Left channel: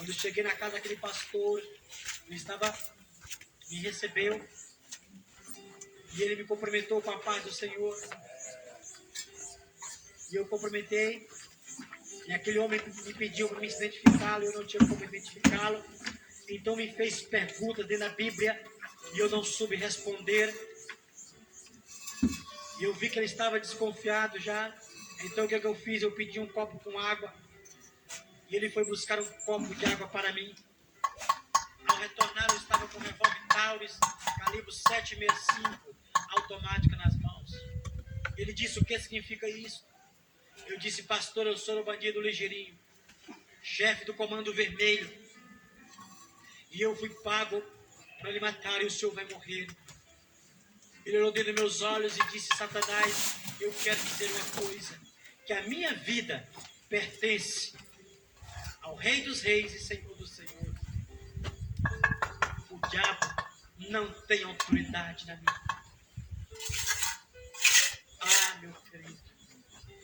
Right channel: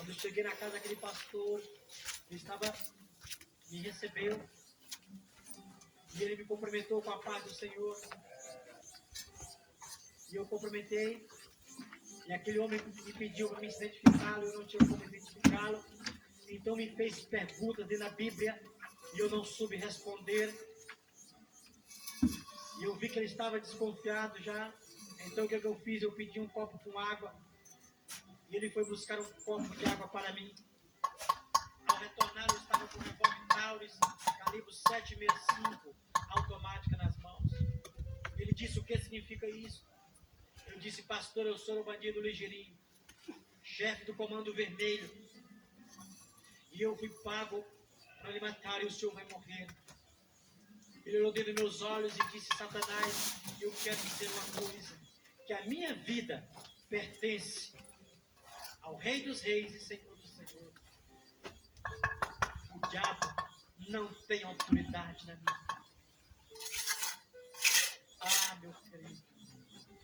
Quando eu cheguei na casa daquele pastor, me recebeu e ele me cumprimentou com a paz do Senhor. E eu cumprimentei. E aquele homem me pediu para me identificá-lo, eu não tinha como identificá-lo. Então me fez perguntas dentro da Bíblia e eu não soube responder. E eu vi que ele estava desconfiado já. Então o que eu fiz? Eu pedi um copo com água. E ele foi buscar um copo de água para mim. Ao retornar, eu estava com um revólver Taurus, calibre 7,65, automática nas mãos. Ele disse: o que significa isso? Eu disse: pastor, eu sou o bandido Ligeirinho, chefe do Comando Vermelho. E eu fui pago para lhe matar e o senhor vai morrer. Ele olhou dentro dos meus olhos e disse: Satanás, eu quero dizer uma coisa, que a minha vida pertence ao Rei dos Reis e Senhor dos Senhores. O diabo não tem autoridade na minha vida. Ah, meu querido,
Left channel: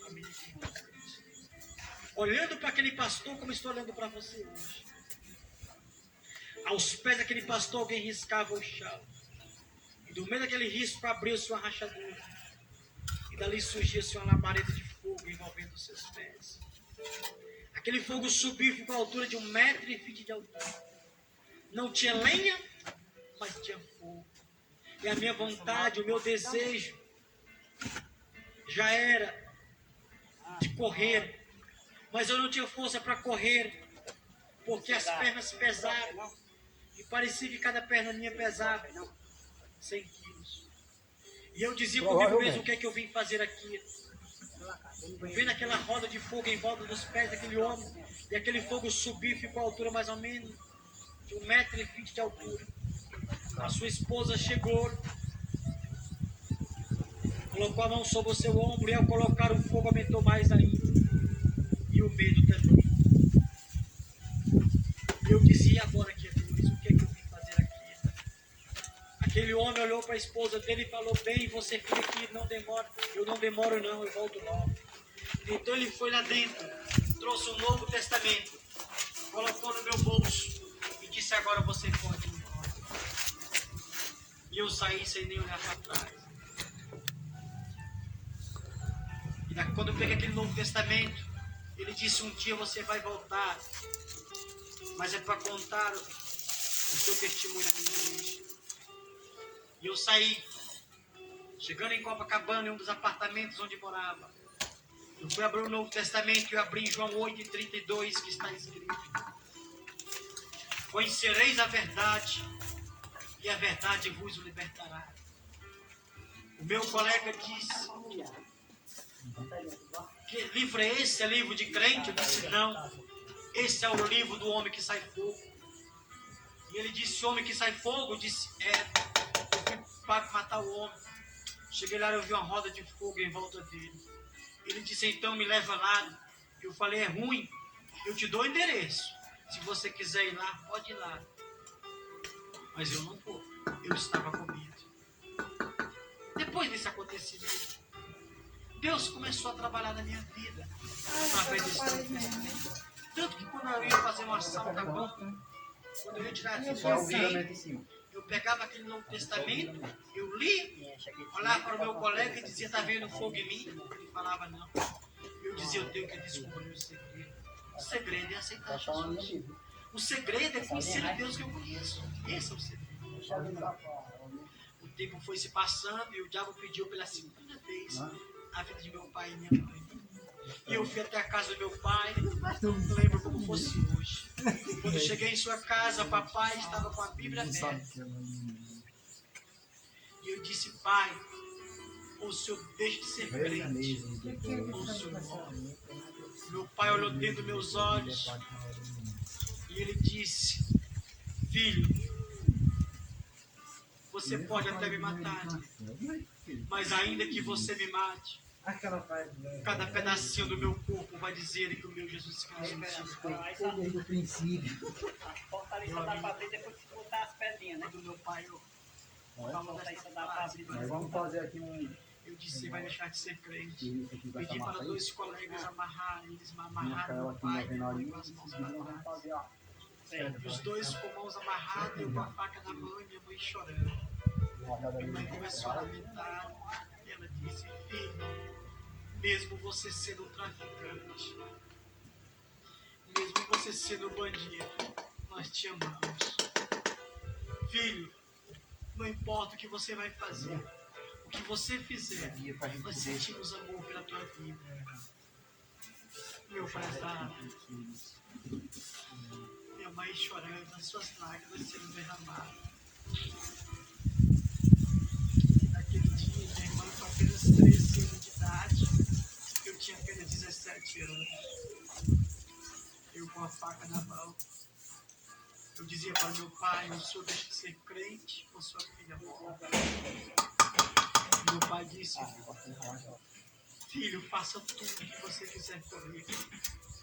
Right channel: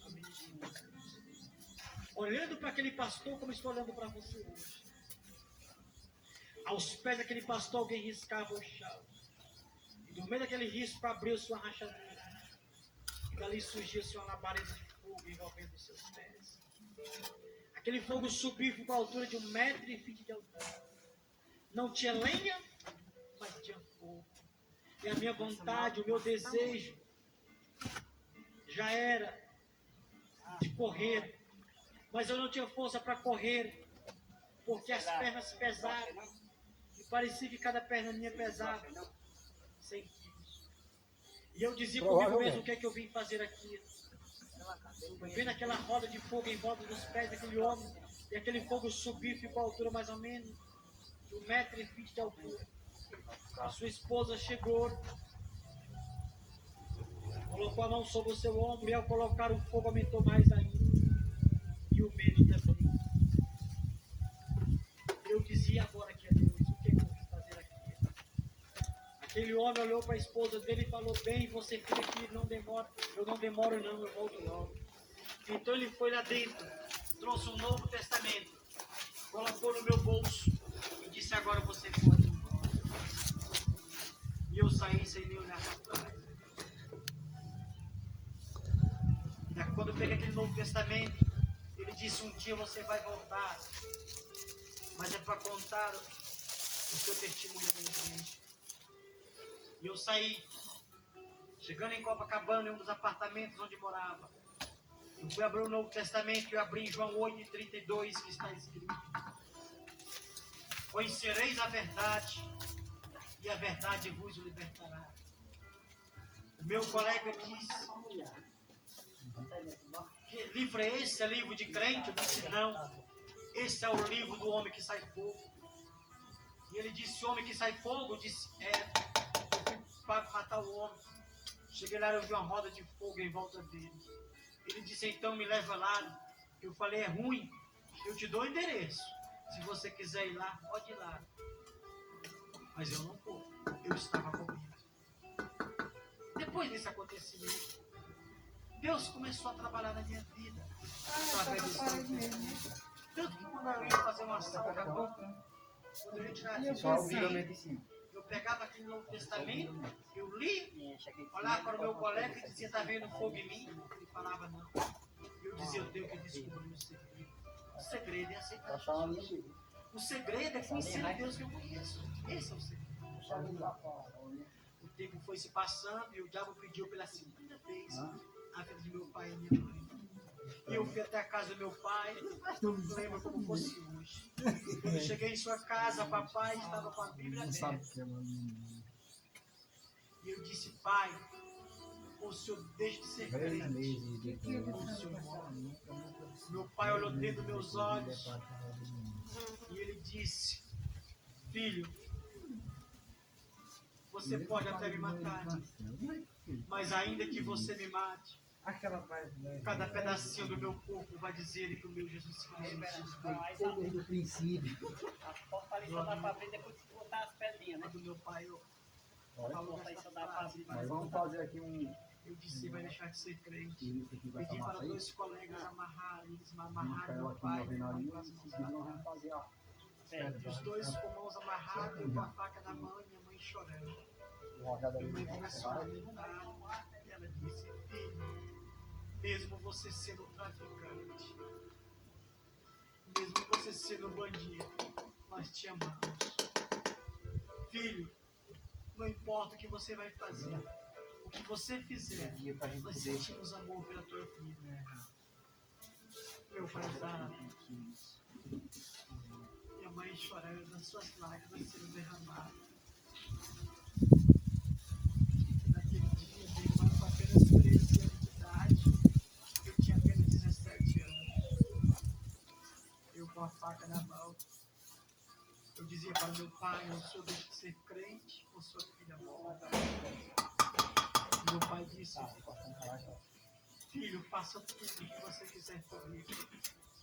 amigo, olhando para aquele pastor como estou olhando para você hoje. Aos pés daquele pastor alguém riscava o chão. E do meio daquele risco abriu-se uma rachadura. E dali surgia-se uma labareda de fogo envolvendo os seus pés. Aquele fogo subiu e ficou à altura de 1,20 m de altura. Não tinha lenha, mas tinha fogo. E a minha vontade, o meu desejo já era de correr. Mas eu não tinha força para correr, porque as pernas pesavam. E parecia que cada perna minha pesava 100 quilos. E eu dizia comigo mesmo: o que é que eu vim fazer aqui? Eu vendo aquela roda de fogo em volta dos pés daquele homem, e aquele fogo subiu e ficou à altura mais ou menos de 1,20 m de altura. A sua esposa chegou, colocou a mão sobre o seu ombro, e ao colocar o fogo aumentou mais ainda. E o medo também. E eu dizia: agora que é Deus, o que é que eu vim fazer aqui? Aquele homem olhou para a esposa dele e falou: bem, você fica aqui, não demora. Eu não demoro não, eu volto logo. Então ele foi lá dentro, trouxe um Novo Testamento, colocou no meu bolso e disse: agora você pode ir embora. E eu saí sem nem olhar para trás. E quando eu peguei aquele Novo Testamento, ele disse: um dia você vai voltar, mas é para contar o seu testemunho na minha igreja. E eu saí, chegando em Copacabana, em um dos apartamentos onde morava. Eu fui abrir o Novo Testamento e eu abri em João 8,32, que está escrito: conhecereis a verdade, e a verdade vos libertará. O meu colega disse: que livro é esse? É livro de crente? Eu disse: não, esse é o livro do homem que sai fogo. E ele disse: homem que sai fogo? Eu disse: eu fui para matar o homem. Cheguei lá e eu vi uma roda de fogo em volta dele. Ele disse: então me leva lá. Eu falei: é ruim, eu te dou o endereço. Se você quiser ir lá, pode ir lá. Mas eu não vou. Eu estava com medo. Depois desse acontecimento, Deus começou a trabalhar na minha vida através desse Novo Testamento. Tanto que quando eu ia fazer um assalto a banco, quando eu ia tirar aquilo de alguém, eu pegava aquele Novo Testamento, eu li, olhava para o meu colega e dizia: está vendo fogo em mim? Ele falava: não. Eu dizia: eu tenho que descobrir o segredo. O segredo é aceitar Jesus. O segredo é conhecer o Deus que eu conheço. Esse é o segredo. O tempo foi se passando e o diabo pediu pela segunda vez a vida de meu pai e minha mãe. E eu fui até a casa do meu pai, não lembro como fosse hoje. Quando cheguei em sua casa, papai estava com a Bíblia aberta. E eu disse: pai, o senhor deixa de ser crente, ou o senhor morre. Meu pai olhou dentro dos meus olhos e ele disse: filho, você pode até me matar, mas ainda que você me mate, cada pedacinho do meu corpo vai dizer que o meu Jesus Cristo Do princípio. do meu pai falou dessa frase. Vamos fazer aqui um. Eu disse: vai deixar de ser crente. Pedi para 2 colegas amarrarem, eles me amarraram meu pai e minha mãe com as mãos amarradas. E os dois com mãos amarradas, eu com a faca na mão e minha mãe chorando. Minha mãe começou a lamentar e ela disse: filho, mesmo você sendo um traficante, mesmo você sendo um bandido, nós te amamos. Filho, não importa o que você vai fazer, o que você fizer, nós sentimos amor pela tua vida. Meu prezado, minha mãe chorando, as suas lágrimas sendo derramadas. E naquele dia, minha irmã com apenas 13 anos de idade, eu tinha apenas 17 anos. Eu com a faca na mão, eu dizia para meu pai: o senhor deixa de ser crente ou sua filha morre? Meu pai disse: filho, faça tudo o que você quiser comigo,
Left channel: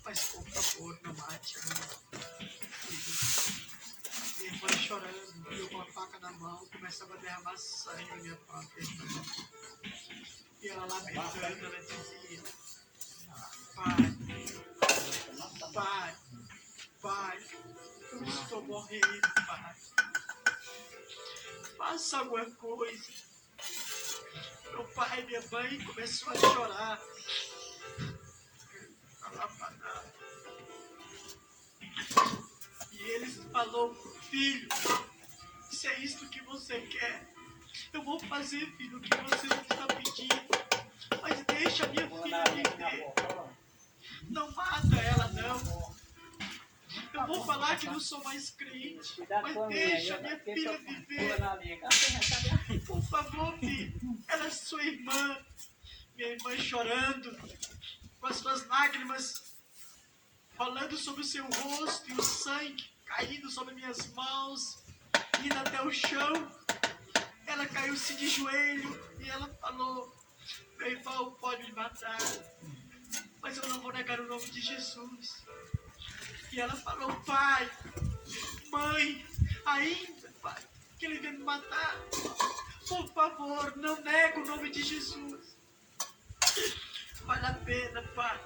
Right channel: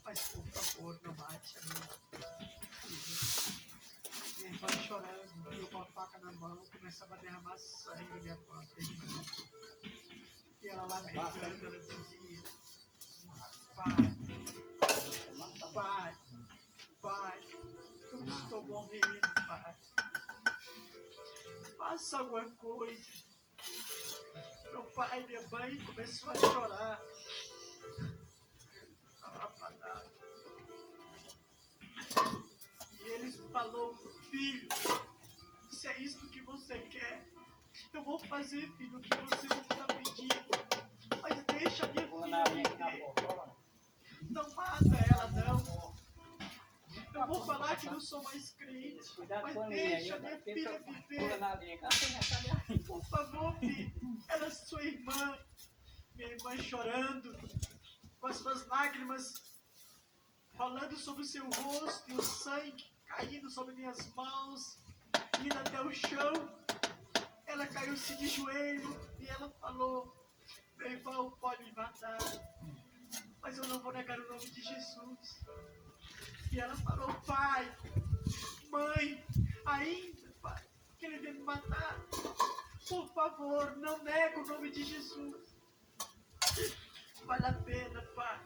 mas por favor, não mate a minha filha. Minha irmã chorando, eu com a faca na mão, começava a derramar sangue na minha própria irmã. E ela lamentando, ela dizia: pai, eu estou morrendo, pai. Faça alguma coisa. Meu pai e minha mãe começou a chorar. E eles falou: filho, se é isto que você quer, eu vou fazer, filho, o que você está pedindo. Mas deixa a minha filha viver. Não mata ela, não. Eu vou falar que não sou mais crente, mas deixa a minha filha viver. Por favor, filho. Ela é sua irmã. Minha irmã chorando, com as suas lágrimas rolando sobre o seu rosto e o sangue caindo sobre minhas mãos, indo até o chão. Ela caiu-se de joelho e ela falou: meu irmão pode me matar, mas eu não vou negar o nome de Jesus. E ela falou: pai, mãe, ainda, pai, que ele vem me matar. Por favor, não nega o nome de Jesus. Vale a pena, pai,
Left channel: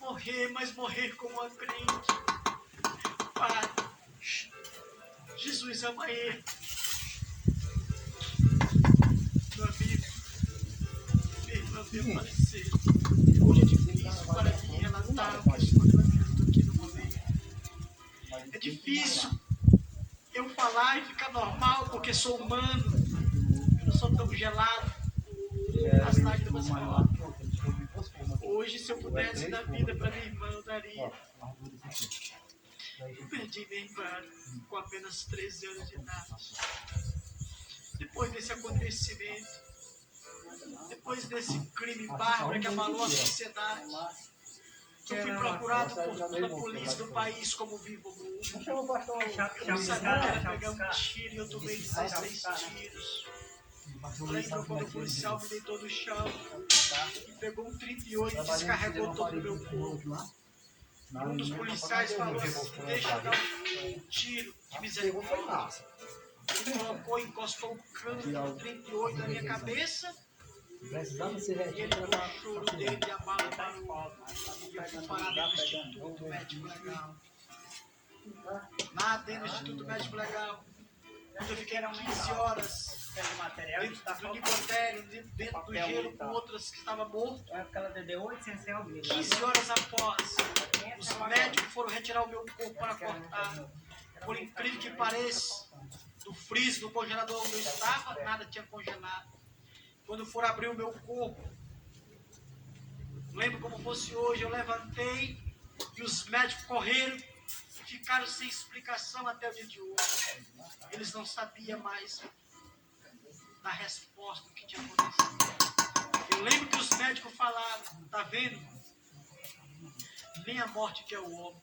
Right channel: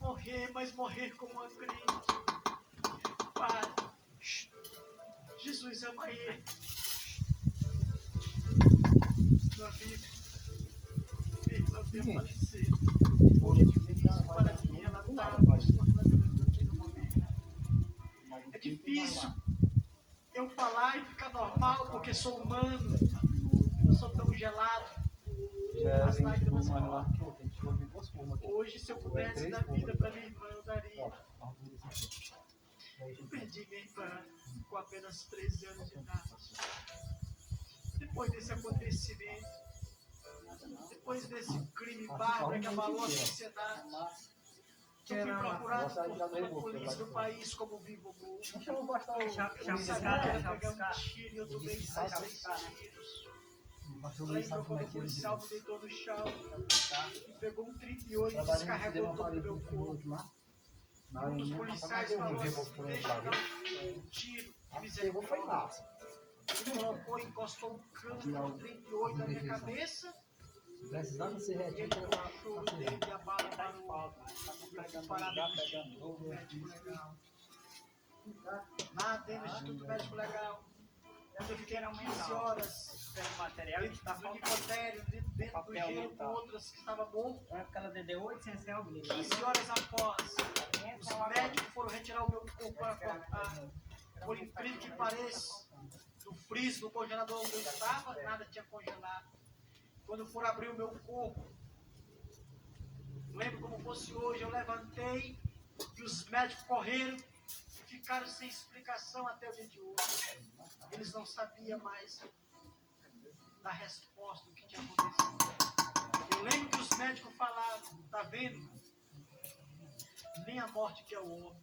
morrer, mas morrer como uma crente. Pai, Jesus ama ele. Meu amigo, minha irmã veio falecer. Hoje é difícil para mim relatar o que estou vivendo aqui no momento. É difícil eu falar e ficar normal, porque sou humano. Eu não sou tão gelado. As lágrimas rolam. Hoje, se eu pudesse dar vida para minha irmã, eu daria. Eu perdi minha irmã com apenas 13 anos de idade. Depois desse acontecimento, depois desse crime bárbaro que abalou a sociedade, eu fui procurado por toda a polícia do país como vivo morto. Eu não sabia que era pegar um tiro e eu tomei 16 tiros. Eu lembro quando o policial me deitou no chão e pegou um 38 e descarregou todo o meu corpo. E um dos policiais falou assim: deixa eu dar um tiro de misericórdia. Ele colocou, encostou o cano do 38 na minha cabeça. E ele com o choro dele e a bala parou. E eu fui parar dentro do Instituto Médico Legal. Lá dentro do Instituto Médico Legal, onde eu fiquei 15 horas dentro do nicotélio, dentro do gelo com outras que estavam mortas. 15 horas após, os médicos foram retirar o meu corpo para cortar. Por incrível que pareça, do freezer, do congelador onde eu estava, nada tinha congelado. Quando foram abrir o meu corpo, lembro como fosse hoje, eu levantei e os médicos correram e ficaram sem explicação até o dia de hoje. Eles não sabiam mais da resposta do que tinha acontecido. Eu lembro que os médicos falaram: tá vendo? Nem a morte que é o homem,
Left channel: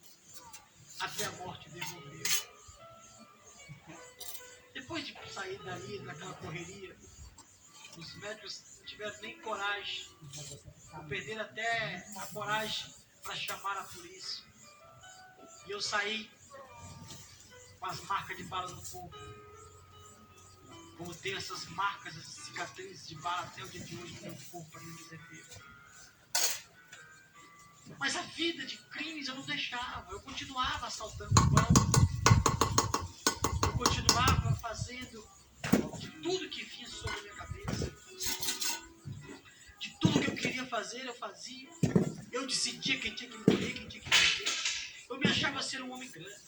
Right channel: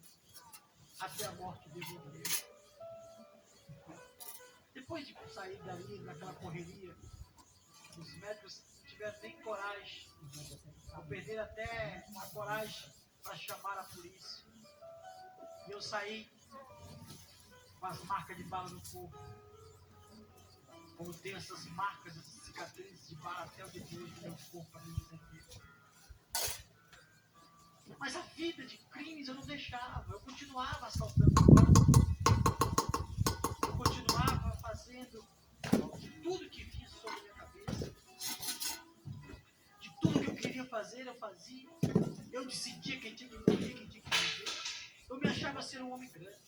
até a morte devolveu. Depois de sair dali, daquela correria, os médicos não tiveram nem coragem, ou perderam até a coragem para chamar a polícia. E eu saí com as marcas de bala no corpo. Como tem essas marcas, essas cicatrizes de bala até o dia de hoje no meu corpo, para me dizer Deus. Mas a vida de crimes eu não deixava, eu continuava assaltando bancos, achava ser um homem grande,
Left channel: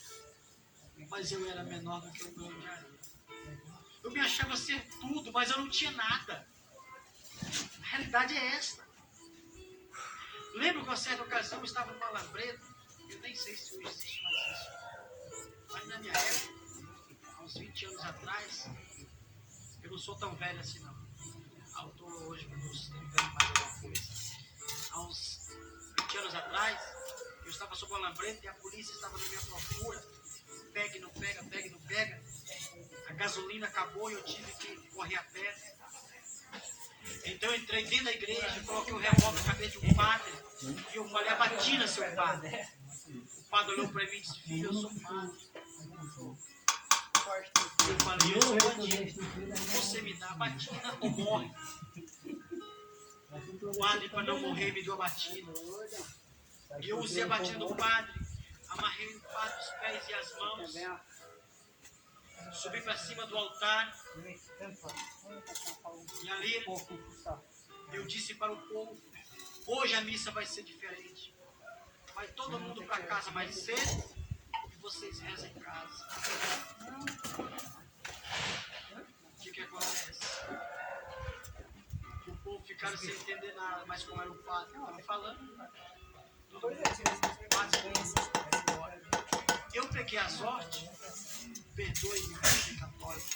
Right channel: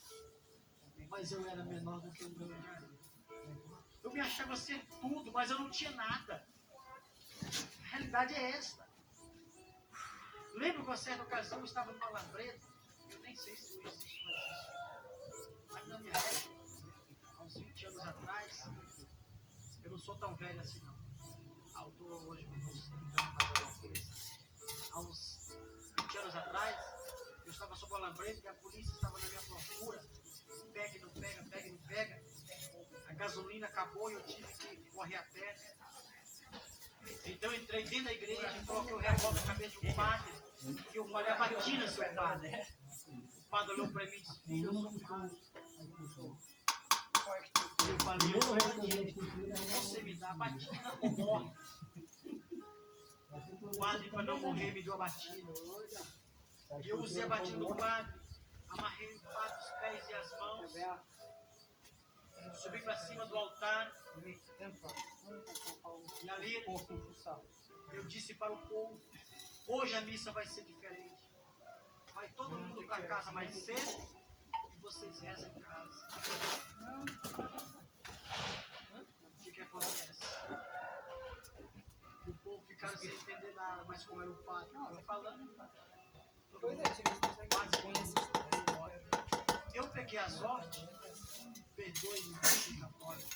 mas eu era menor do que um grão de areia. Eu me achava ser tudo, mas eu não tinha nada. A realidade é esta. Lembro que a certa ocasião eu estava numa labreta, eu nem sei se hoje existe mais isso, mas na minha época, há uns 20 anos atrás, eu não sou tão velho assim não. Eu estou hoje com uns 30 anos mais alguma coisa. Há uns 20 anos atrás, eu estava sob uma lambreta e a polícia estava na minha procura. Pega e não pega, pega e não pega. A gasolina acabou e eu tive que correr a pé. Então eu entrei dentro da igreja, coloquei o revólver na cabeça de um padre e eu falei, a batina, seu padre. O padre olhou para mim e disse, filho, eu sou padre. E eu falei, eu sou batina. Você me dá a batina ou morre. O padre, para não morrer, me deu a batina. E eu usei a batina do padre, amarrei o padre os pés e as mãos, subi para cima do altar. E ali eu disse para o povo, hoje a missa vai ser diferente. Vai todo mundo para casa mais cedo e vocês rezam em casa. O que acontece? O povo ficaram sem entender nada, mas como era o padre que estava falando, todo mundo eu peguei a sorte, perdoe-me, filho católico.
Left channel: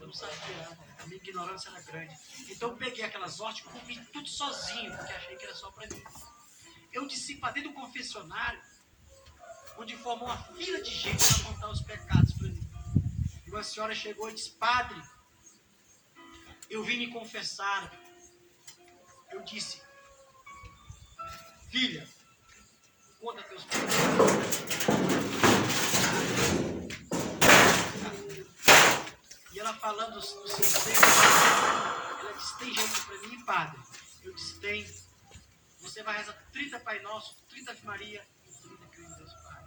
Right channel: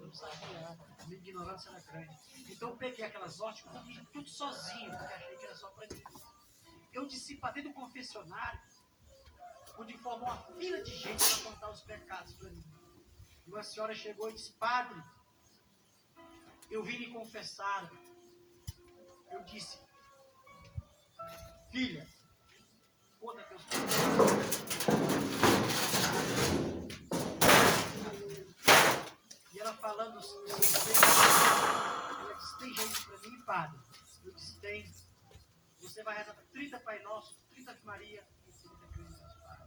Eu não sabia, né? A minha ignorância era grande. Então eu peguei aquela sorte e comi tudo sozinho, porque achei que era só para mim. Eu desci para dentro do confessionário, onde formou uma fila de gente para contar os pecados para mim. E uma senhora chegou e disse, padre, eu vim me confessar. Eu disse, filha, conta teus pecados. E ela falando dos seus pecados, ela disse, tem jeito para mim, padre? Eu disse, tem. Você vai rezar 30 Pai Nosso, 30 Ave Maria e 30 Crê em Deus Pai.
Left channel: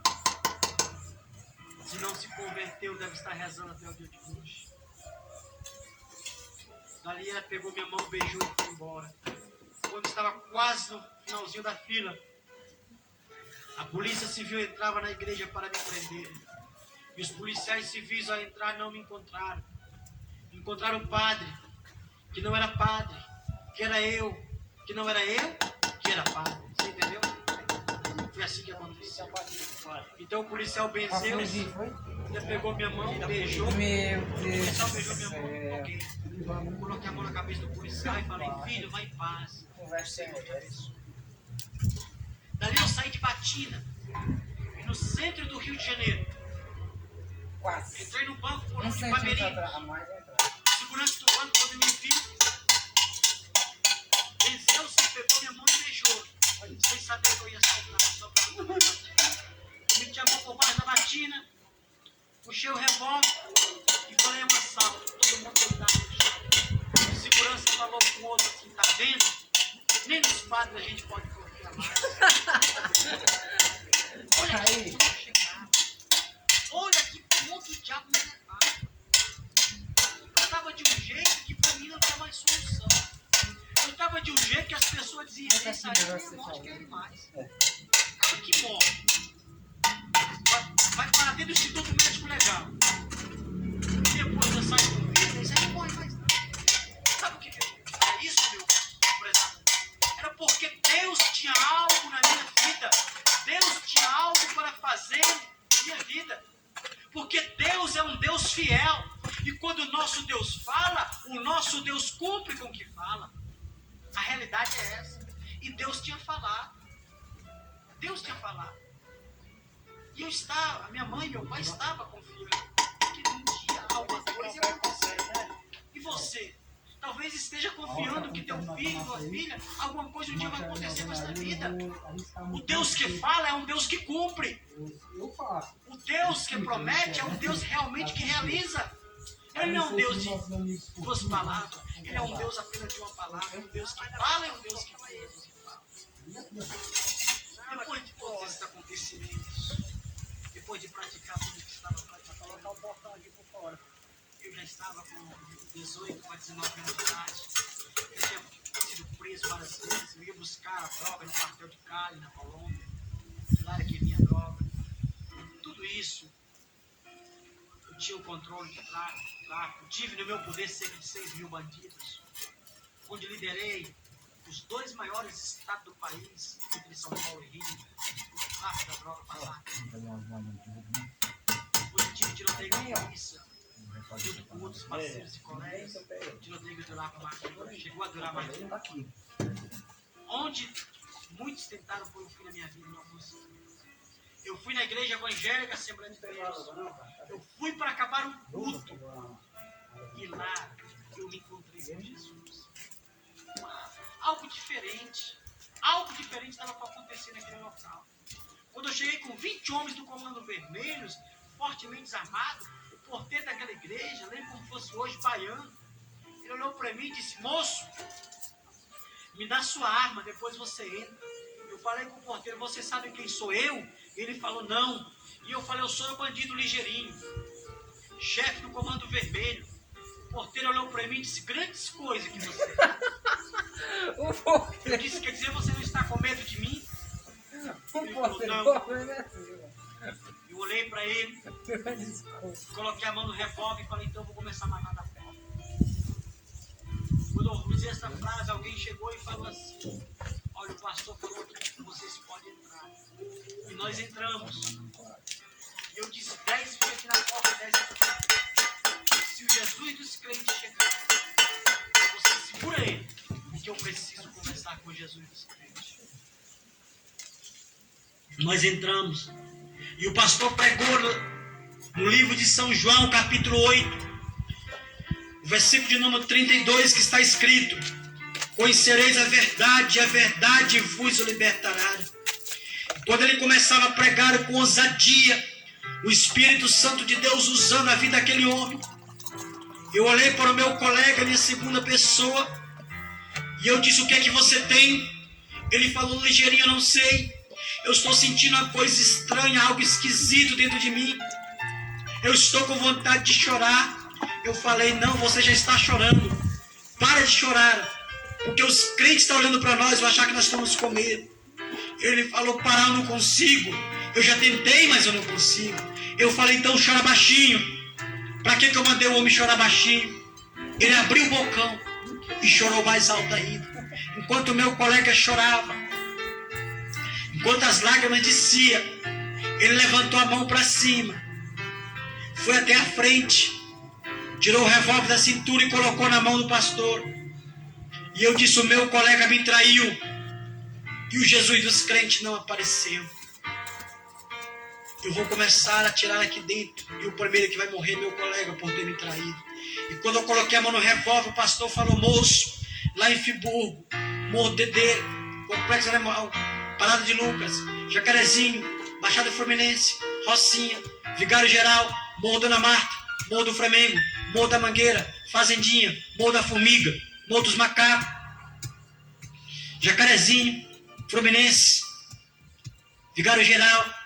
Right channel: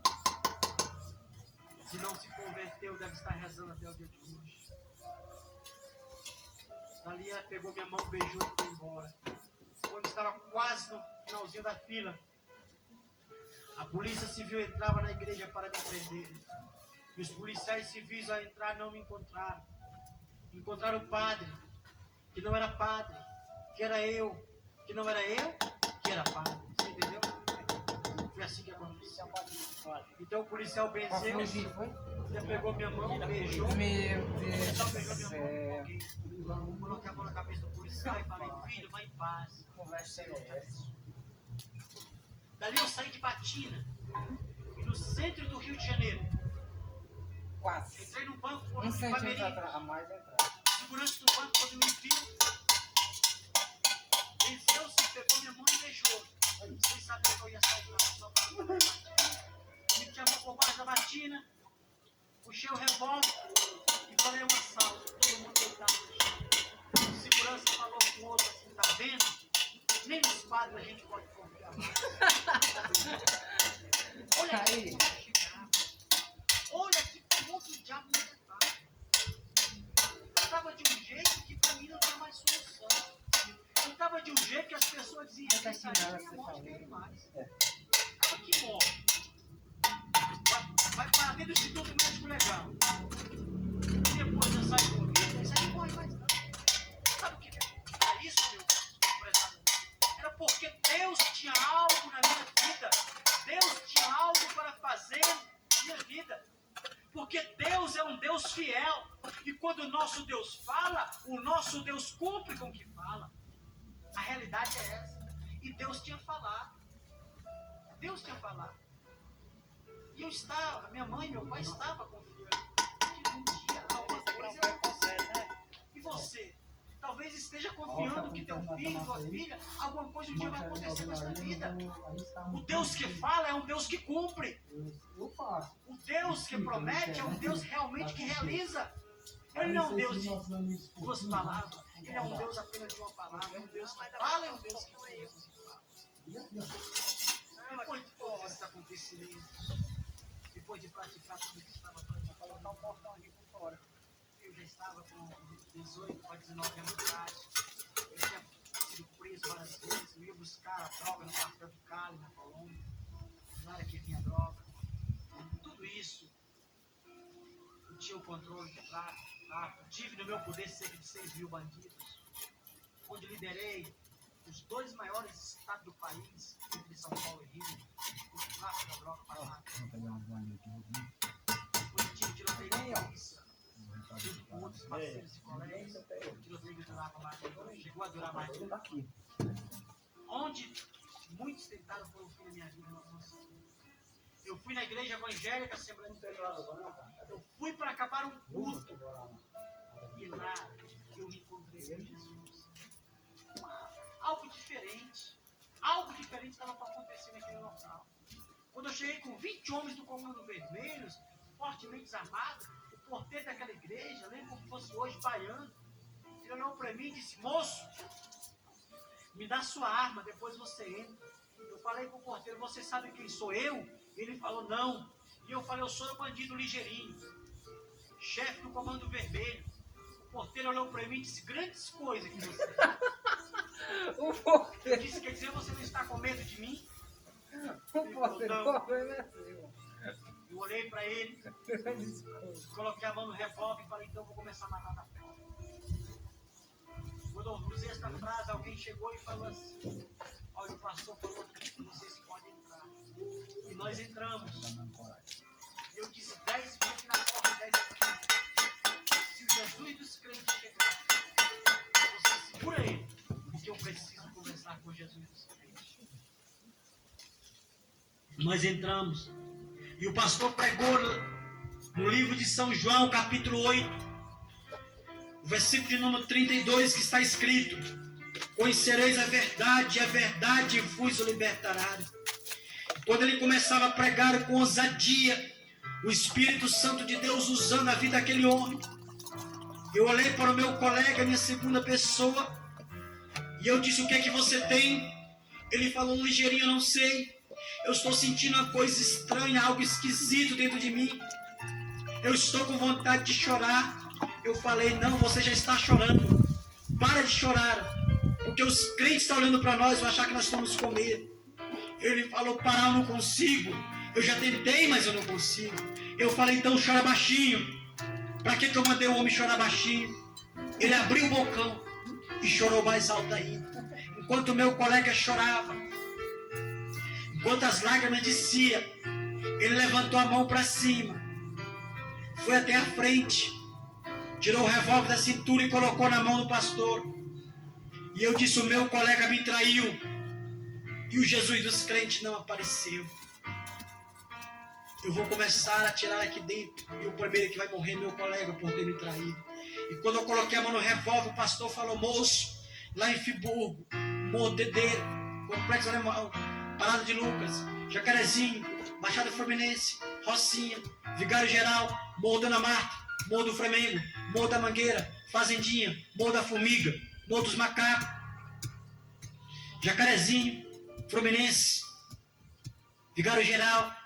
Se não se converteu, deve estar rezando até o dia de hoje. Dali ela pegou minha mão, beijou e foi embora. Quando estava quase no finalzinho da fila, a polícia civil entrava na igreja para me prender. E os policiais civis ao entrar não me encontraram. Encontraram o padre, que não era padre, que era eu, que não era eu, que era padre. Você entendeu? Foi assim que aconteceu. Então o policial benzeu, ele pegou minha mão, beijou. Meu O Deus. policial beijou minha mão. Ok. Coloquei a mão na cabeça do policial e falei, filho, vai em paz. Dali eu saí de Batina, no centro do Rio de Janeiro. Quase. Entrei no banco por Não onde sei Pamerinho. a mais entrar. Segurança do banco, quando me viu, venceu-se, pegou minha mão e beijou. Sem saber que eu ia sair da só para eu meti a mão por baixo da batina, puxei o revólver e falei uma sala. Todo mundo deitado no chão. O segurança falou com o outro assim, tá vendo? Nem nos padres a gente pode confiar mais. Olha aqui como eu chegava. Olha que ponto o diabo me levava. Eu estava de um jeito que para mim não tinha mais solução. Eu estava de um jeito que as pessoas diziam, isso aí é morte que é mais. Cara que morre. Vai para dentro do Instituto Médico Legal. E depois eu saio com vida, isso aí não morre mais não. Sabe o que é isso, meu prezado? Era porque Deus tinha algo na minha vida. Deus tinha algo para fazer na minha vida. Porque Deus é um Deus fiel. E quando o nosso Deus fala, o nosso Deus cumpre com o que fala. A realidade é essa. E Deus tinha falado. Deus tinha falado. E eu estava, a minha mãe e meu pai estavam confiando que um dia alguma coisa ia acontecer. E você? Talvez esteja confiando que teu filho, tua filha, alguma coisa um dia vai acontecer com essa vida. O Deus que fala é um Deus que cumpre. O Deus que promete é um Deus realmente que realiza. Ele não é um Deus de duas palavras. Ele é um Deus apenas de uma palavra. É um Deus que fala e um Deus que fala. Depois de todos esses acontecimentos, depois de praticar tudo que estava praticando, colocar o portão aqui por fora. Eu já estava com 18 para 19 anos de idade. Eu tinha sido preso várias vezes. Eu ia buscar a droga no quartel de Cali, na Colômbia. Lá era que vinha a droga. tinha o controle de tráfico. Tive no meu poder cerca de 6 mil bandidos. Onde liderei os 2 maiores estados do país, entre São Paulo e Rio. O tráfico da droga para lá. Onde tive tiroteio com polícia. Junto com outros parceiros e colegas. Tiroteio que durava mais de 1 ano. Chegou a durar mais de 1 ano. Onde muitos tentaram pôr um fim na minha vida e não conseguiram. Eu fui na igreja evangélica, Assembleia de Deus. Eu fui para acabar um culto. E lá eu me encontrei com Jesus. Algo diferente estava para acontecer naquele local. Quando eu cheguei com 20 homens do Comando Vermelhos, fortemente desarmados, o porteiro daquela igreja, lembro como fosse hoje, baiano, ele olhou para mim e disse: moço, me dá sua arma, depois você entra. Eu falei com o porteiro: você sabe quem sou eu? Ele falou: não. E eu falei: eu sou o bandido Ligeirinho, chefe do Comando Vermelho. O porteiro olhou para mim e disse: grandes coisas que você é. Eu disse: quer dizer, você não está com medo de mim? Ele falou: não. Eu olhei para ele, coloquei a mão no revólver e falei: então eu vou começar a matar da porta. Quando eu fiz essa frase, alguém chegou e falou assim: olha, o pastor falou que vocês podem entrar. E nós entramos. E eu disse 10 vezes aqui na porta, 10 aqui. Se o Jesus dos crentes chegar, você segura ele, porque eu preciso conversar com Jesus dos crentes. Nós entramos. E o pastor pregou no livro de São João, capítulo 8, o versículo de número 32, que está escrito: conhecereis a verdade, e a verdade vos libertará. Quando ele começava a pregar com ousadia, o Espírito Santo de Deus usando a vida daquele homem, eu olhei para o meu colega, minha segunda pessoa, e eu disse: o que é que você tem? Ele falou: Ligeirinho, eu não sei, eu estou sentindo uma coisa estranha, algo esquisito dentro de mim, eu estou com vontade de chorar. Eu falei: não, você já está chorando, para de chorar, porque os crentes estão olhando para nós, vão achar que nós estamos com medo. Ele falou: parar, eu não consigo, eu já tentei, mas eu não consigo. Eu falei: então chora baixinho. Para que eu mandei o homem chorar baixinho? Ele abriu o bocão e chorou mais alto ainda. Enquanto o meu colega chorava, enquanto as lágrimas desciam, ele levantou a mão para cima, foi até a frente, tirou o revólver da cintura e colocou na mão do pastor. E eu disse: o meu colega me traiu, e o Jesus dos crentes não apareceu. Eu vou começar a tirar aqui dentro, e o primeiro que vai morrer é meu colega por ter me traído. E quando eu coloquei a mão no revólver, o pastor falou: moço, lá em Friburgo, Morro Dedê, Complexo Animal, Parada de Lucas, Jacarezinho, Baixada Fluminense, Rocinha, Vigário Geral, Morro Dona Marta, Morro do Flamengo, Morro da Mangueira, Fazendinha, Morro da Formiga, Morro dos Macacos, Jacarezinho, Fluminense, Vigário Geral.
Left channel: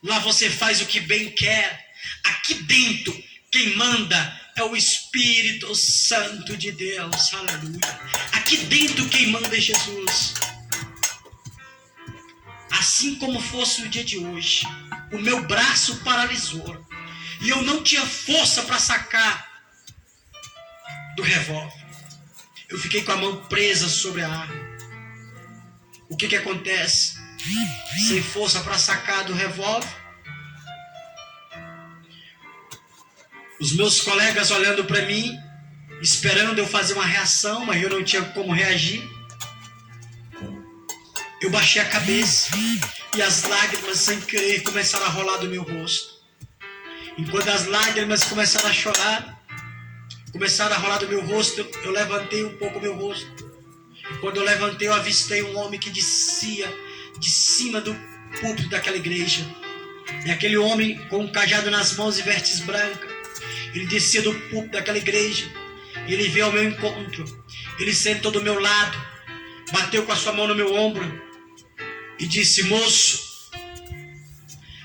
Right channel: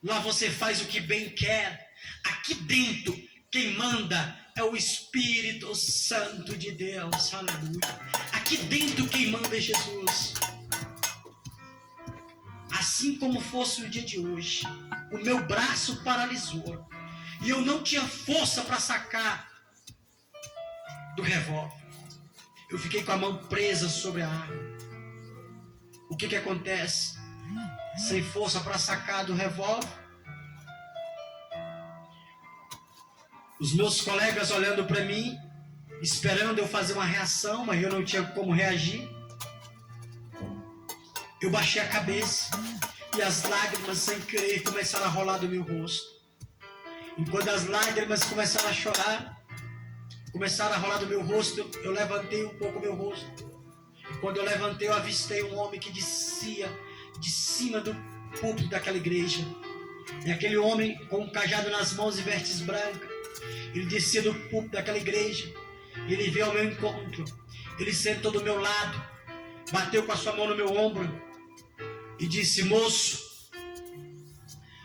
Lá você faz o que bem quer. Aqui dentro, quem manda é o Espírito Santo de Deus. Aleluia. Aqui dentro, quem manda é Jesus. Assim como fosse o dia de hoje, o meu braço paralisou e eu não tinha força para sacar do revólver. Eu fiquei com a mão presa sobre a arma. O que acontece? Sem força para sacar do revólver, os meus colegas olhando para mim, esperando eu fazer uma reação, mas eu não tinha como reagir. Eu baixei a cabeça e as lágrimas, sem querer, começaram a rolar do meu rosto. Enquanto as lágrimas começaram a chorar, começaram a rolar do meu rosto, eu levantei um pouco o meu rosto. E quando eu levantei, eu avistei um homem que descia de cima do púlpito daquela igreja. E aquele homem com um cajado nas mãos e vestes brancas, ele descia do púlpito daquela igreja e ele veio ao meu encontro. Ele sentou do meu lado, bateu com a sua mão no meu ombro e disse: moço,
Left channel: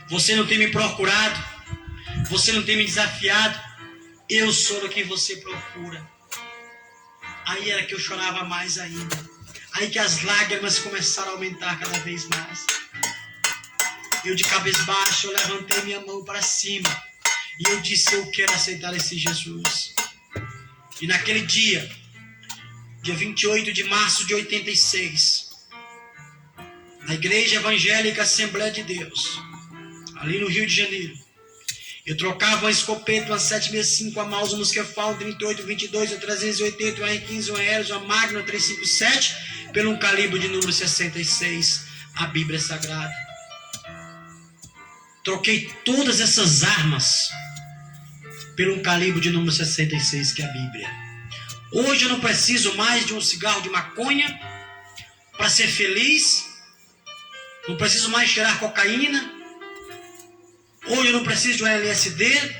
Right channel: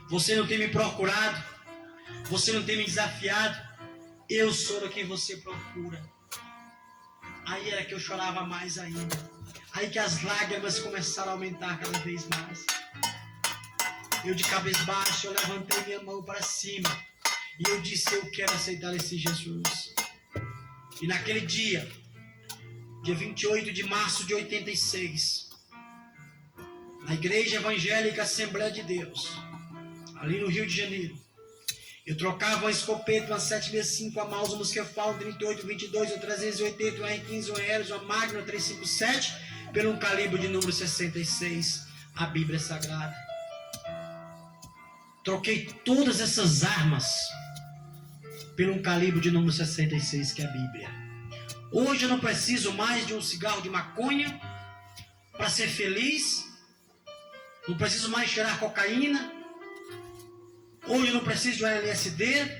você não tem me procurado, você não tem me desafiado, eu sou o que você procura. Aí era que eu chorava mais ainda. Aí que as lágrimas começaram a aumentar cada vez mais. Eu de cabeça baixa, eu levantei minha mão para cima. E eu disse, eu quero aceitar esse Jesus. E naquele dia 28 de março de 86, na Igreja Evangélica Assembleia de Deus, ali no Rio de Janeiro, eu trocava uma escopeta, uma 765, uma Mauser, uma Musquefal, um 38, 22, uma 380, uma R15, uma Aeros, uma Magna, uma 357, pelo um calibre de número 66, a Bíblia Sagrada. Troquei todas essas armas pelo um calibre de número 66, que é a Bíblia. Hoje eu não preciso mais de um cigarro de maconha para ser feliz. Não preciso mais cheirar cocaína. Hoje eu não preciso de um LSD.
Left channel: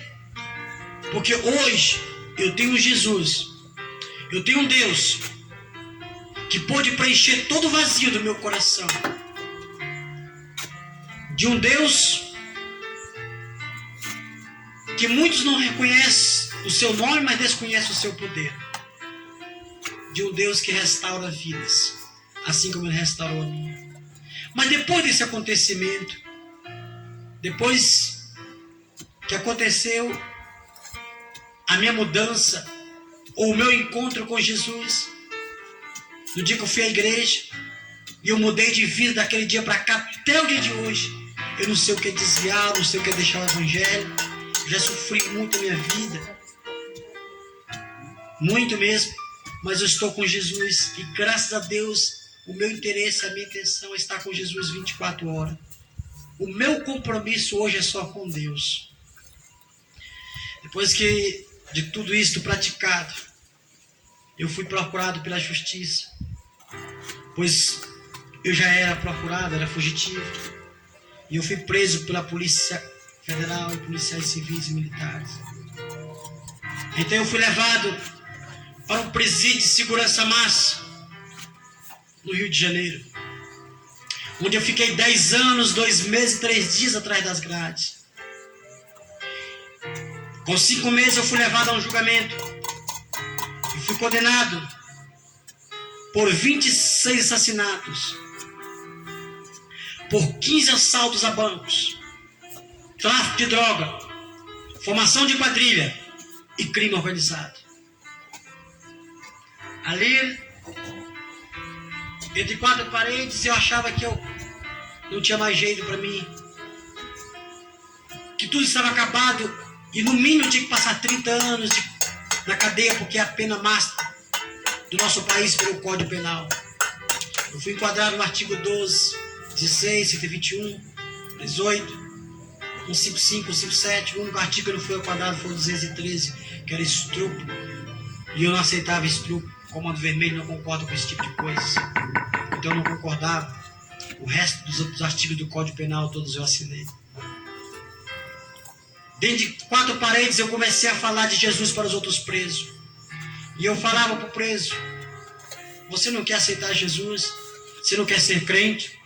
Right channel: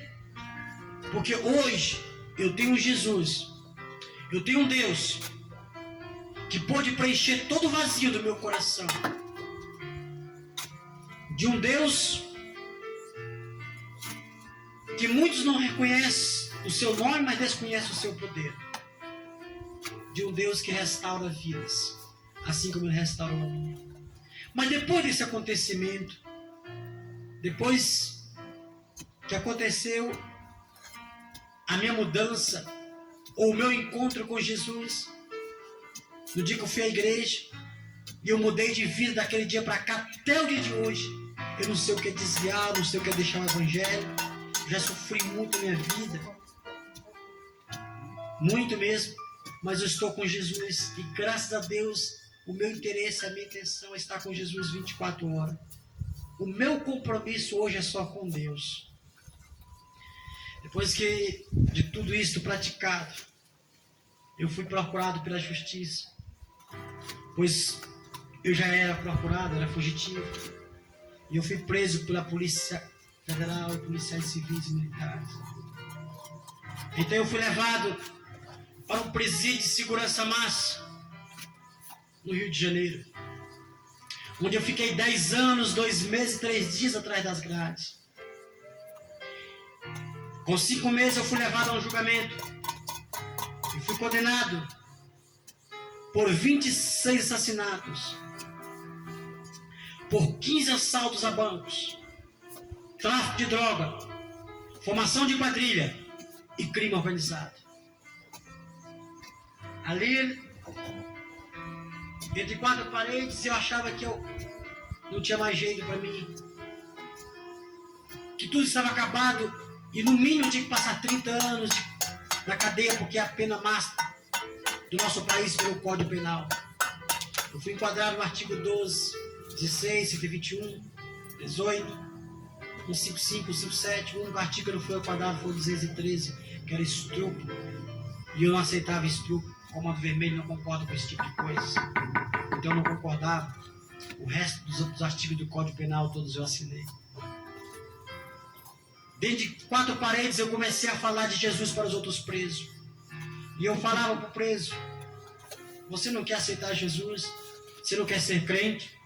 Porque hoje eu tenho Jesus. Eu tenho um Deus que pode preencher todo o vazio do meu coração. De um Deus que muitos não reconhecem o seu nome, mas desconhecem o seu poder. De um Deus que restaura vidas, assim como Ele restaurou a minha. Mas depois desse acontecimento, depois que aconteceu a minha mudança, ou o meu encontro com Jesus, no dia que eu fui à igreja, e eu mudei de vida daquele dia para cá até o dia de hoje, eu não sei o que é desviar, não sei o que é deixar o evangelho, já sofri muito na minha vida, muito mesmo. Mas eu estou com Jesus e graças a Deus o meu interesse, a minha intenção é estar com Jesus 24 horas. O meu compromisso hoje é só com Deus. Depois que de tudo isto praticado, eu fui procurado pela justiça, pois eu já era procurado, era fugitivo, e eu fui preso pela Polícia Federal e policiais civis e militares. Então eu fui levado para um presídio de segurança máxima no Rio de Janeiro, onde eu fiquei 10 anos, 2 meses e 3 dias atrás das grades. Com 5 meses eu fui levado a um julgamento e fui condenado por 26 assassinatos, por 15 assaltos a bancos, tráfico de droga, formação de quadrilha e crime organizado. Ali, entre 4 paredes, eu achava que eu não tinha mais jeito para mim, que tudo estava acabado e no mínimo eu tinha que passar 30 anos na cadeia, porque é a pena máxima do nosso país pelo Código Penal. Eu fui enquadrado no artigo 12, 16, 121, 18, 155, 157. O único artigo que eu não fui enquadrado foi o 213, que era estupro, e eu não aceitava estupro. O Comando Vermelho não concorda com esse tipo de coisa, então eu não concordava. O resto dos artigos do Código Penal todos eu assinei. Dentro de 4 paredes eu comecei a falar de Jesus para os outros presos. E eu falava para o preso: você não quer aceitar Jesus? Você não quer ser crente?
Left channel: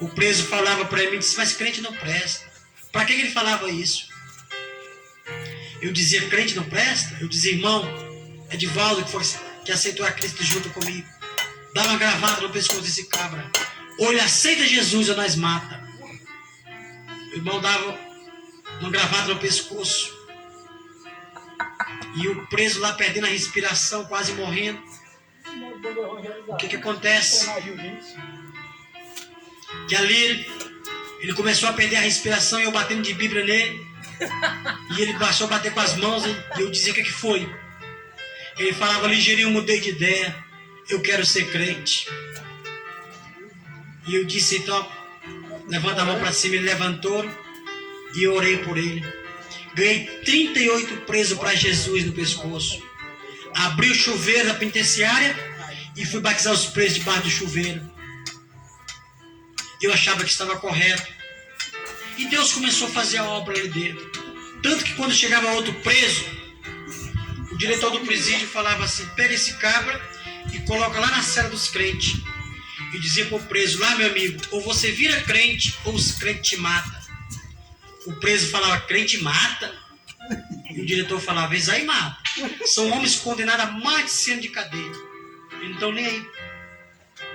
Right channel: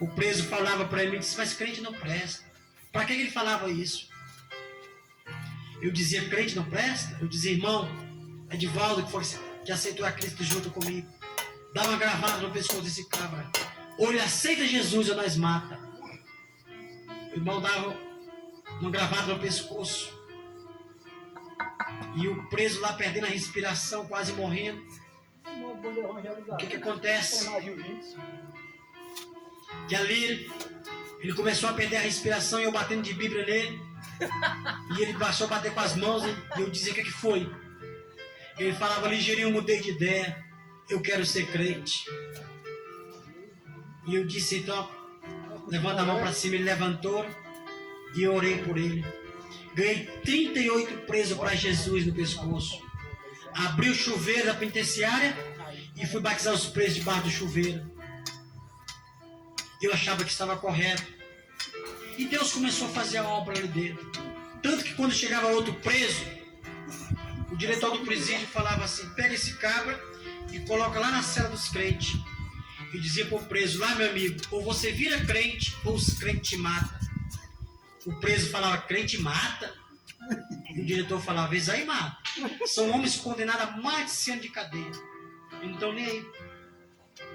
O preso falava para mim, disse, mas crente não presta. Para que ele falava isso? Eu dizia, crente não presta? Eu dizia, irmão, Edivaldo que aceitou a Cristo junto comigo, dá uma gravada no pescoço desse cabra. Ou ele aceita Jesus ou nós mata. O irmão dava uma gravada no pescoço. E o preso lá perdendo a respiração, quase morrendo. O que acontece? Que ali ele começou a perder a respiração e eu batendo de Bíblia nele. E ele passou a bater com as mãos e eu dizia, o que foi? Ele falava, ligeirinho, mudei de ideia, eu quero ser crente. E eu disse, então, levanta a mão para cima. Ele levantou e eu orei por ele. Ganhei 38 presos para Jesus no pescoço. Abri o chuveiro da penitenciária e fui batizar os presos debaixo do chuveiro. Eu achava que estava correto. E Deus começou a fazer a obra ali dentro. Tanto que quando chegava outro preso, o diretor do presídio falava assim, pega esse cabra e coloca lá na cela dos crentes. E dizia para o preso, lá meu amigo, ou você vira crente ou os crentes te matam. O preso falava, crente mata? E o diretor falava, eles aí mata. São homens condenados a mais de 100 anos de cadeia. Eles não estão nem aí.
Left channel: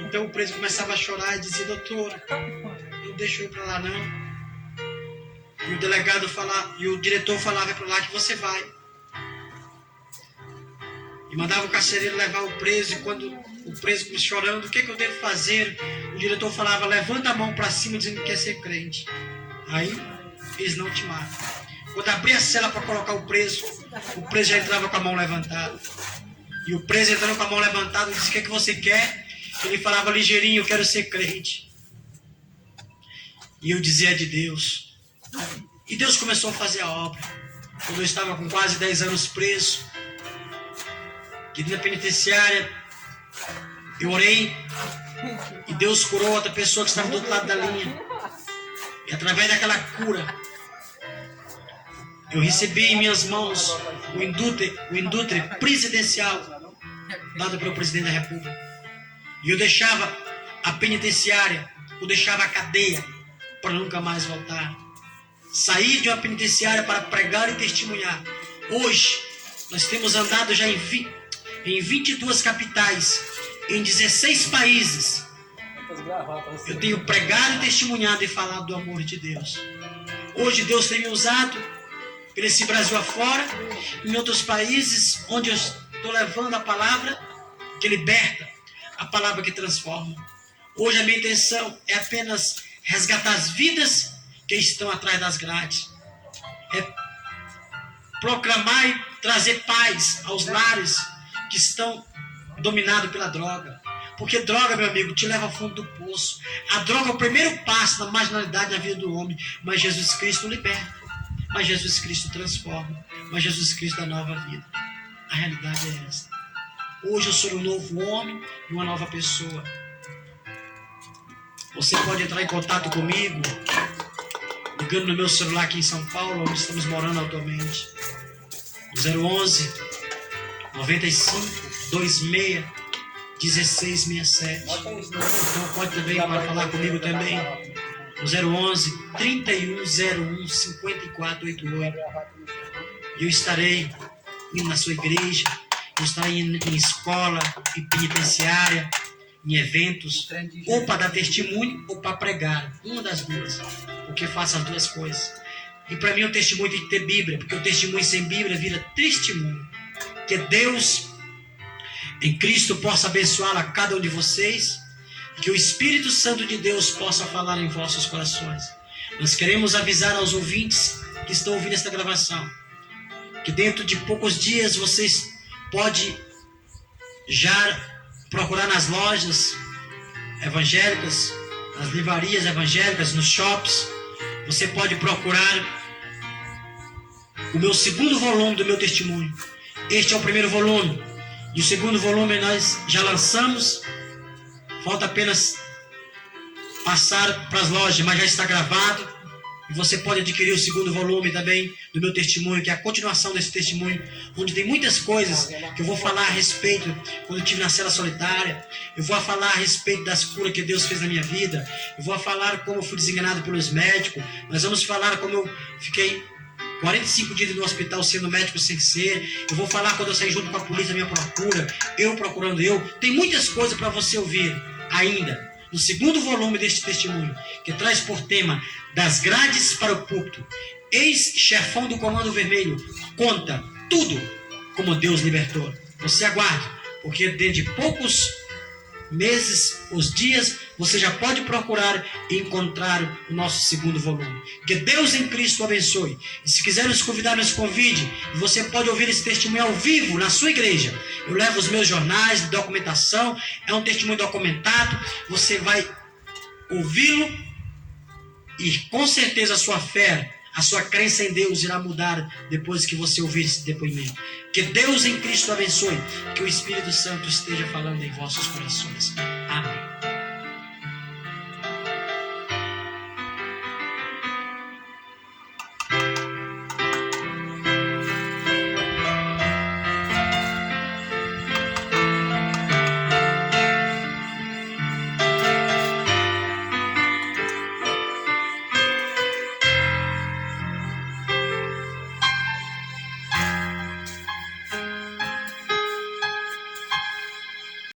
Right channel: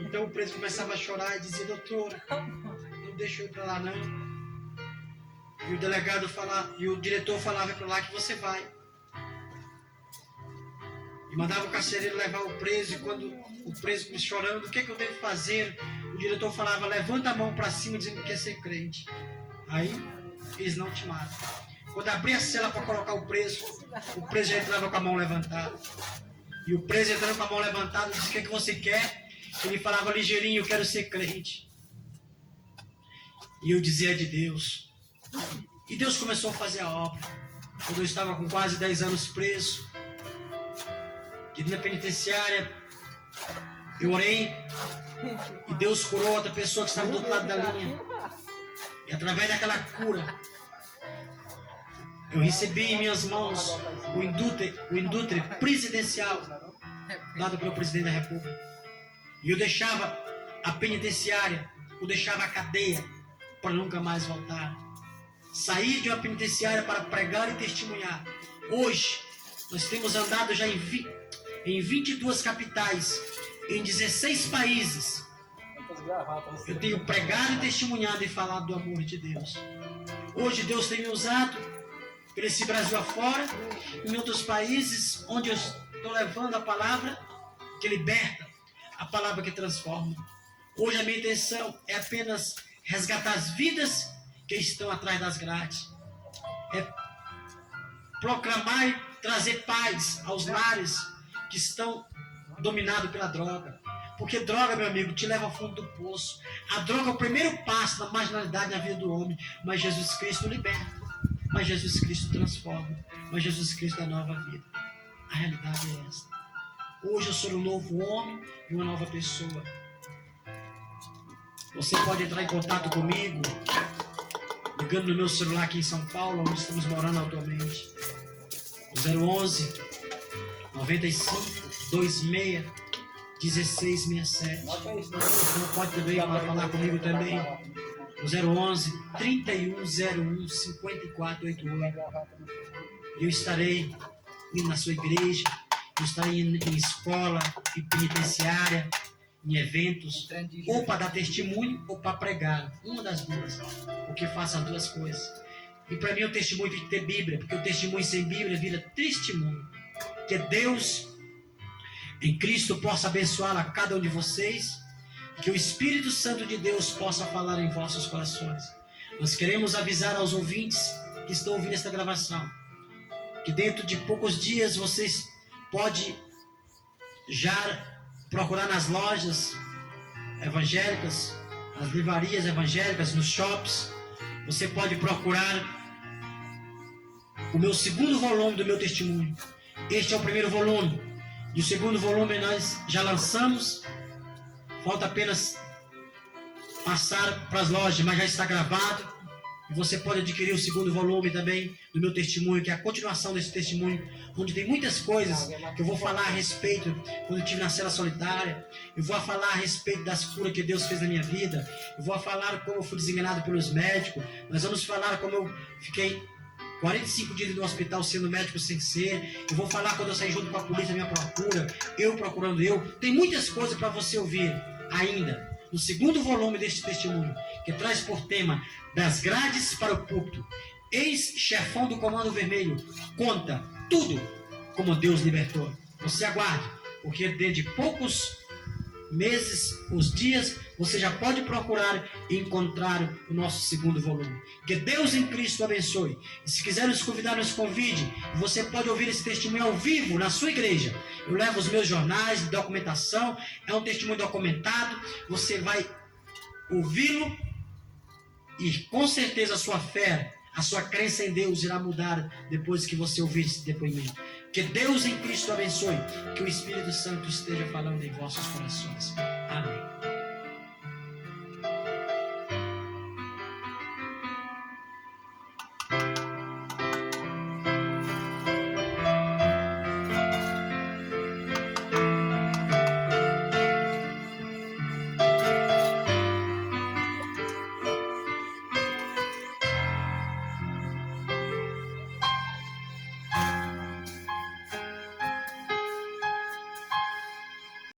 Então o preso começava a chorar e dizia, doutora, não deixa eu ir para lá não. E o delegado falava, e o diretor falava para lá que você vai. E mandava o carcereiro levar o preso, e quando o preso começou chorando, o que eu devo fazer? O diretor falava, levanta a mão para cima dizendo que quer ser crente. Aí, eles não te matam. Quando abria a cela para colocar o preso já entrava com a mão levantada. E o preso entrando com a mão levantada, disse, o que você quer? Ele falava, ligeirinho, eu quero ser crente. E eu dizia de Deus. E Deus começou a fazer a obra. Quando eu estava com quase 10 anos preso, que na penitenciária, eu orei e Deus curou outra pessoa que estava do outro lado da linha. E através daquela cura, eu recebi em minhas mãos o indútrio presidencial dado pelo presidente da República. E eu deixava a penitenciária, eu deixava a cadeia para nunca mais voltar. Saí de uma penitenciária para pregar e testemunhar. Hoje, nós temos andado já em 22 capitais, em 16 países. Eu tenho pregado e testemunhado e falado do amor de Deus. Hoje Deus tem me usado por esse Brasil afora, em outros países, onde eu estou levando a palavra que liberta, a palavra que transforma. Hoje a minha intenção é apenas resgatar as vidas que estão atrás das grades. É proclamar e trazer paz aos lares que estão dominados pela droga. Porque droga, meu amigo, te leva ao fundo do poço. A droga é o primeiro passo na marginalidade na vida do homem. Mas Jesus Cristo liberta. Mas Jesus Cristo transforma. Mas Jesus Cristo dá nova vida. A realidade é essa. Hoje eu sou um novo homem e uma nova pessoa. Você pode entrar em contato comigo, ligando no meu celular aqui em São Paulo, onde estamos morando atualmente. 011 95 26 1667. Então pode também para falar comigo também. 011 3101 5488. Eu estarei indo na sua igreja, eu estarei indo em escola, em penitenciária, em eventos, ou para dar testemunho ou para pregar. Uma das duas. Porque faço as duas coisas. E para mim o testemunho tem que ter Bíblia, porque o testemunho sem Bíblia vira testemunho. Que Deus em Cristo possa abençoar a cada um de vocês, que o Espírito Santo de Deus possa falar em vossos corações. Nós queremos avisar aos ouvintes que estão ouvindo esta gravação, que dentro de poucos dias vocês podem já procurar nas lojas evangélicas, nas livrarias evangélicas, nos shops. Você pode procurar o meu segundo volume do meu testemunho. Este é o primeiro volume. E o segundo volume nós já lançamos. Falta apenas passar para as lojas, mas já está gravado. E você pode adquirir o segundo volume também do meu testemunho, que é a continuação desse testemunho, onde tem muitas coisas que eu vou falar a respeito quando eu estive na cela solitária. Eu vou falar a respeito das curas que Deus fez na minha vida. Eu vou falar como eu fui desenganado pelos médicos. Nós vamos falar como eu fiquei 45 dias no hospital sendo médico sem ser. Eu vou falar quando eu saí junto com a polícia, minha procura, eu procurando eu. Tem muitas coisas para você ouvir ainda no segundo volume deste testemunho, que traz por tema das grades para o púlpito. Ex-chefão do Comando Vermelho conta tudo como Deus libertou. Você aguarde, porque dentro de poucos meses, os dias, você já pode procurar e encontrar o nosso segundo volume. Que Deus em Cristo abençoe. E se quiser nos convidar, nos convide. Você pode ouvir esse testemunho ao vivo na sua igreja. Eu levo os meus jornais de documentação. É um testemunho documentado. Você vai ouvi-lo e com certeza a sua fé, a sua crença em Deus irá mudar depois que você ouvir esse depoimento. Que Deus em Cristo abençoe. Que o Espírito Santo esteja falando em vossos corações. Amém.